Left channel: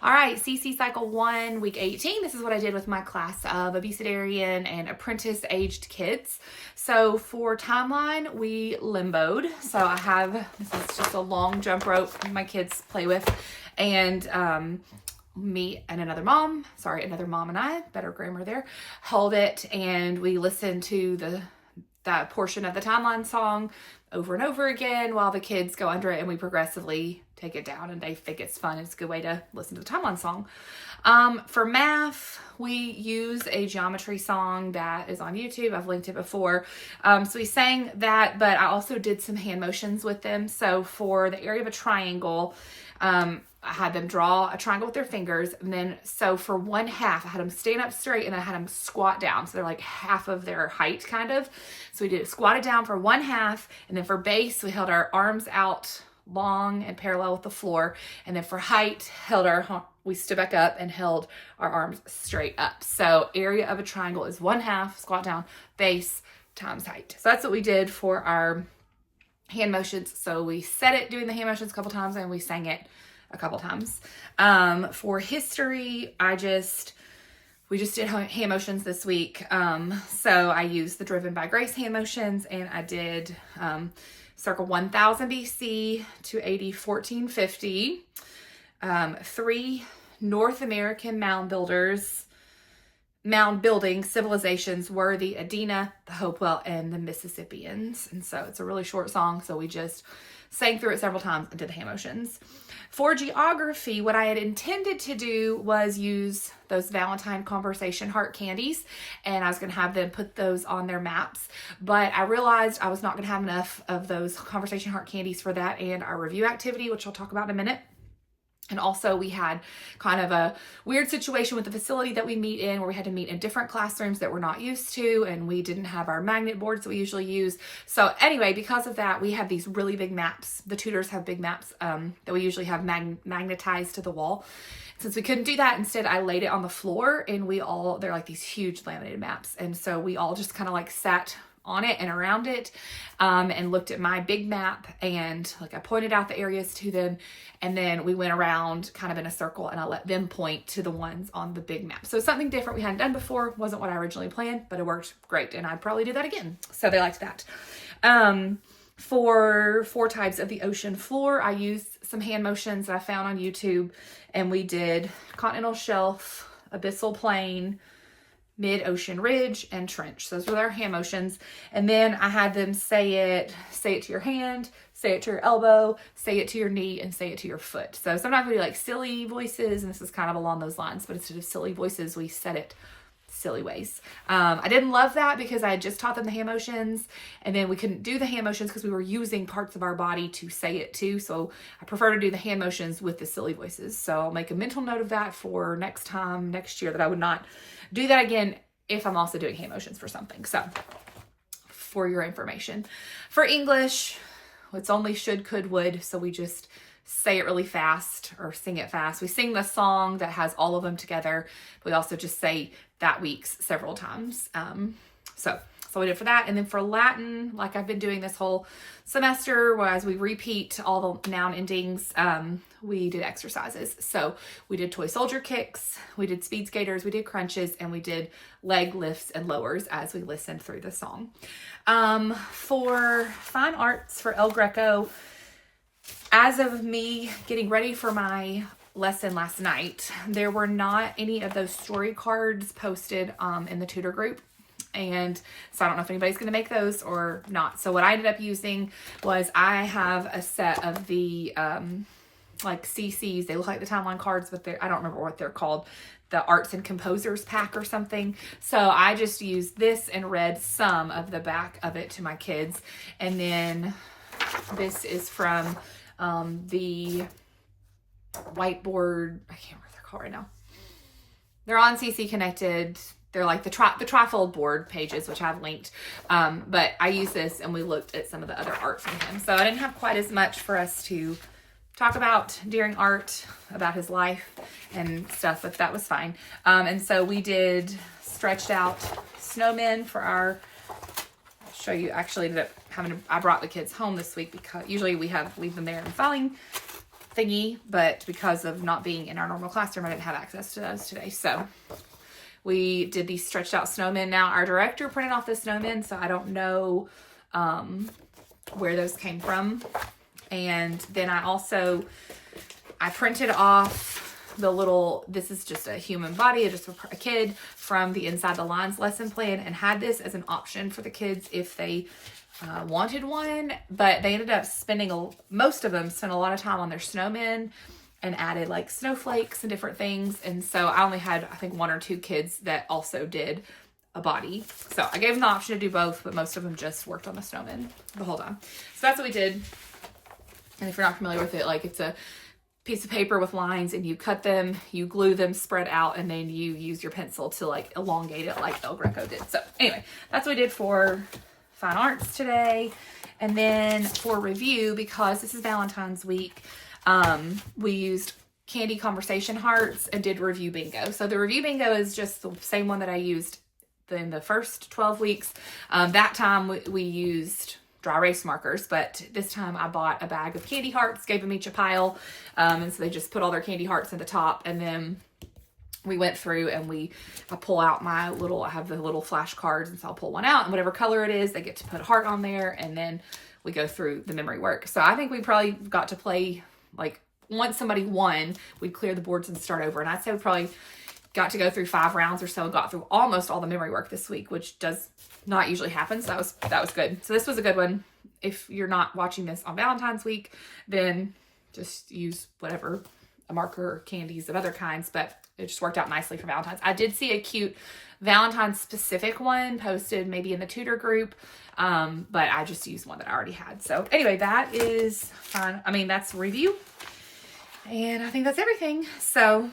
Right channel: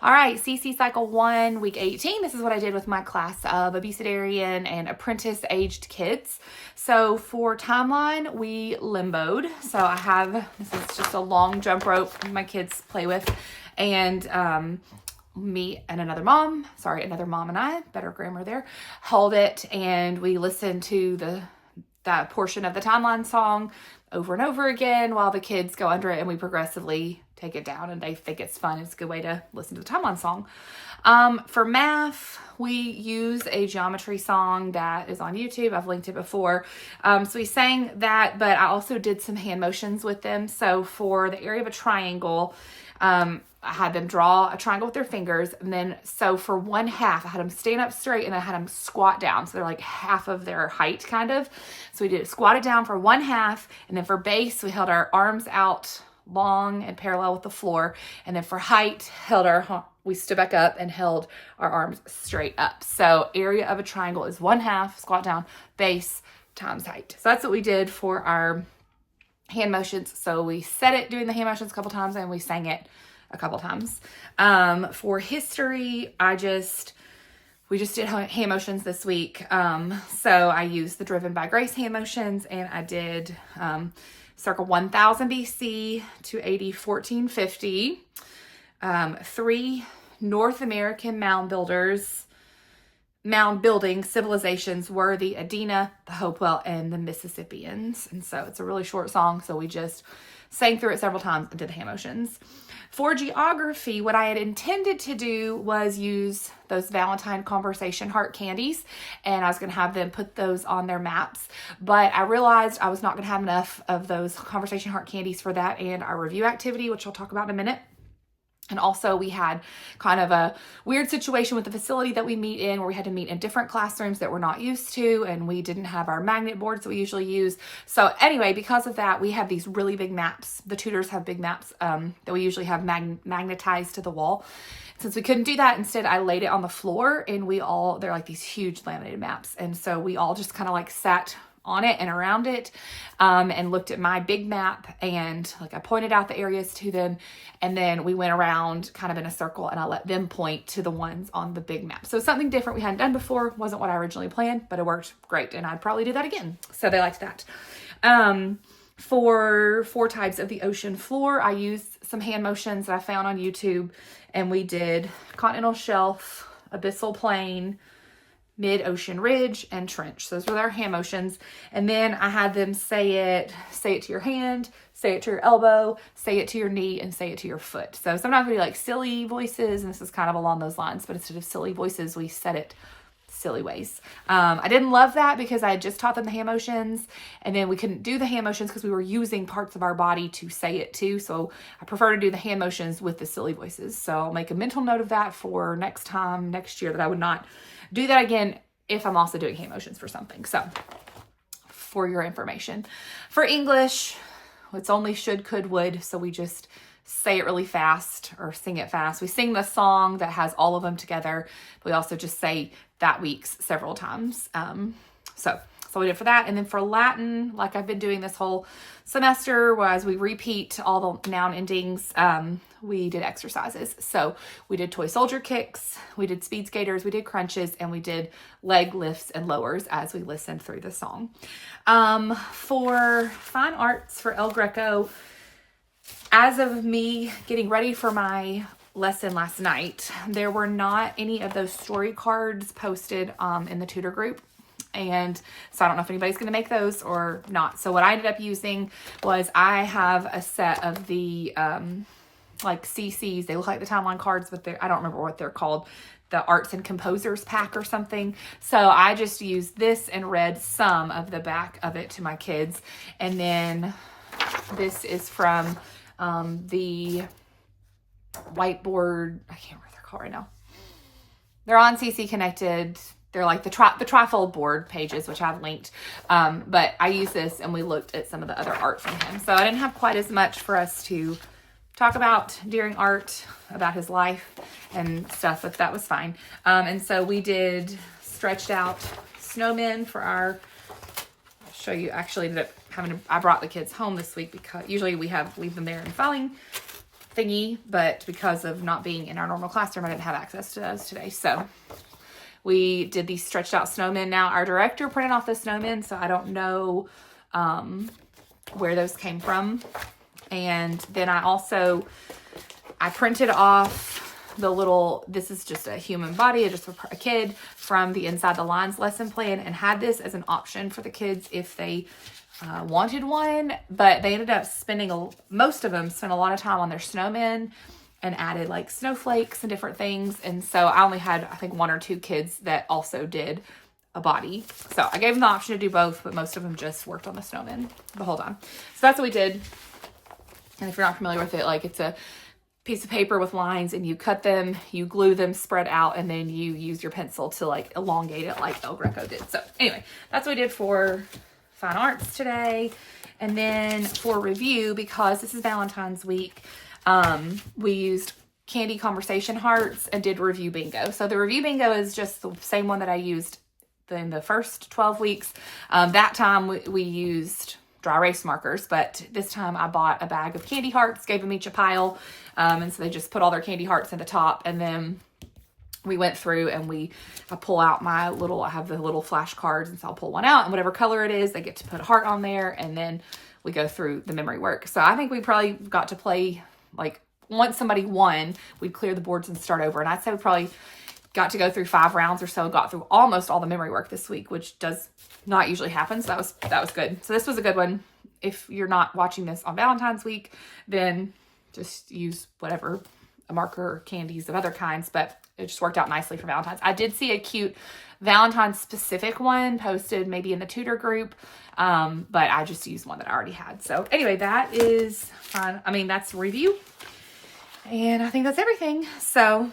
All right, CC Cycle 1, Week 18. This is what I did with my class of Abecedarian and Apprentice aged kids. So for timeline, we limboed. So I have, this is just a long jump rope my kids play with. And me and another mom and I, better grammar there, held it. And we listened to that portion of the timeline song over and over again while the kids go under it, and we progressively take it down, and they think it's fun. It's a good way to listen to the timeline song. For math, we use a geometry song that is on YouTube. I've linked it before. So we sang that, but I also did some hand motions with them. So for the area of a triangle, I had them draw a triangle with their fingers. And then, so for one half, I had them stand up straight and I had them squat down. So they're like half of their height kind of. So we did squatted down for one half. And then for base, we held our arms out long and parallel with the floor. And then for height, we stood back up and held our arms straight up. So area of a triangle is one half, squat down, base times height. So that's what we did for our hand motions. So we said it doing the hand motions a couple times and we sang it a couple times. For history, we just did hand motions this week. So I used the Driven by Grace hand motions, and I did circa 1000 BC to AD 1450. 3 North American mound building civilizations were the Adena, the Hopewell, and the Mississippians. And so it's a really short song, so we just sang through it several times and did the hand motions. For geography, what I had intended to do was use those Valentine conversation heart candies, and I was going to have them put those on their maps, but I realized I was not going to have enough of those conversation heart candies for that and our review activity, which I'll talk about in a minute. And also we had kind of a weird situation with the facility that we meet in, where we had to meet in different classrooms that we're not used to, and we didn't have our magnet boards that we usually use. So anyway, because of that, we have these really big maps. The tutors have big maps that we usually have magnetized to the wall. Since we couldn't do that, instead I laid it on the floor, and they're like these huge laminated maps. And so we all just kind of like sat on it and around it and looked at my big map, and like I pointed out the areas to them. And then we went around kind of in a circle, and I let them point to the ones on the big map. So something different we hadn't done before. Wasn't what I originally planned, but it worked great. And I'd probably do that again. So they liked that. For 4 types of the ocean floor, I used some hand motions that I found on YouTube. And we did continental shelf, abyssal plain, mid-ocean ridge, and trench. So those were our hand motions. And then I had them say it to your hand, say it to your elbow, say it to your knee, and say it to your foot. So sometimes we like silly voices, and this is kind of along those lines, but instead of silly voices, we said it silly ways. I didn't love that because I had just taught them the hand motions, and then we couldn't do the hand motions because we were using parts of our body to say it to. So I prefer to do the hand motions with the silly voices. So I'll make a mental note of that for next year, that I would not do that again if I'm also doing hand motions for something. So for your information. For English, it's only should, could, would. So we just say it really fast or sing it fast. We sing the song that has all of them together. But we also just say that week's several times. So we did for that. And then for Latin, like I've been doing this whole semester, whereas we repeat all the noun endings, we did exercises. So we did toy soldier kicks, we did speed skaters, we did crunches, and we did leg lifts and lowers as we listened through the song. For fine arts, for El Greco, as of me getting ready for my lesson last night, there were not any of those story cards posted in the tutor group. And so I don't know if anybody's going to make those or not. So what I ended up using was, I have a set of the like CCs. They look like the timeline cards, but I don't remember what they're called. The Arts and Composers pack or something. So I just used this and read some of the back of it to my kids. And then this is from the whiteboard. I can't remember what they're called right now. They're on CC Connected. They're like the trifold board pages, which I've linked. But I used this, and we looked at some of the other art from him. So I didn't have quite as much for us to talk about during art, about his life and stuff, but that was fine. And so we did stretched out snowmen for our, I'll show you, actually ended up I brought the kids home this week because usually we leave them there in filing thingy, but because of not being in our normal classroom, I didn't have access to those today. So we did these stretched out snowmen. Now our director printed off the snowmen, so I don't know where those came from. And then I printed off the little, this is just a human body, just a kid from the Inside the Lines lesson plan, and had this as an option for the kids if they wanted one. But they ended up spending, most of them spent a lot of time on their snowmen and added like snowflakes and different things. And so I only had, I think, 1 or 2 kids that also did a body. So I gave them the option to do both, but most of them just worked on the snowman the whole time. So that's what we did. And if you're not familiar with it, like, it's a piece of paper with lines, and you cut them, you glue them spread out, and then you use your pencil to like elongate it like El Greco did. So anyway, that's what we did for fine arts today. And then for review, because this is Valentine's week, we used candy conversation hearts and did review bingo. So the review bingo is just the same one that I used in the first 12 weeks. That time we used dry erase markers, but this time I bought a bag of candy hearts, gave them each a pile, and so they just put all their candy hearts in the top, and then we went through and I pull out I have the little flashcards, and so I'll pull one out, and whatever color it is, they get to put a heart on there, and then we go through the memory work. So I think we probably got to play, like, once somebody won, we'd clear the boards and start over, and I'd say we probably got to go through 5 rounds or so, got through almost all the memory work this week, which does not usually happen. So that was good. So this was a good one. If you're not watching this on Valentine's week, then just use whatever, a marker or candies of other kinds, but it just worked out nicely for Valentine's. I did see a cute Valentine's specific one posted maybe in the Tutor group, but I just used one that I already had. So anyway, that is fine. I mean, that's review, and I think that's everything. So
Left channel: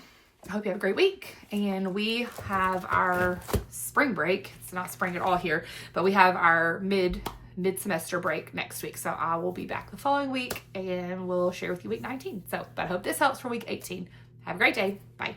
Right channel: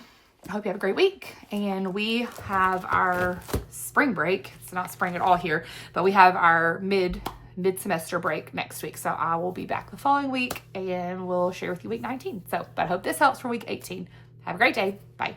I hope you have a great week, and we have our spring break. It's not spring at all here, but we have our mid-semester break next week. So I will be back the following week, and we'll share with you week 19. So, but I hope this helps for week 18. Have a great day. Bye.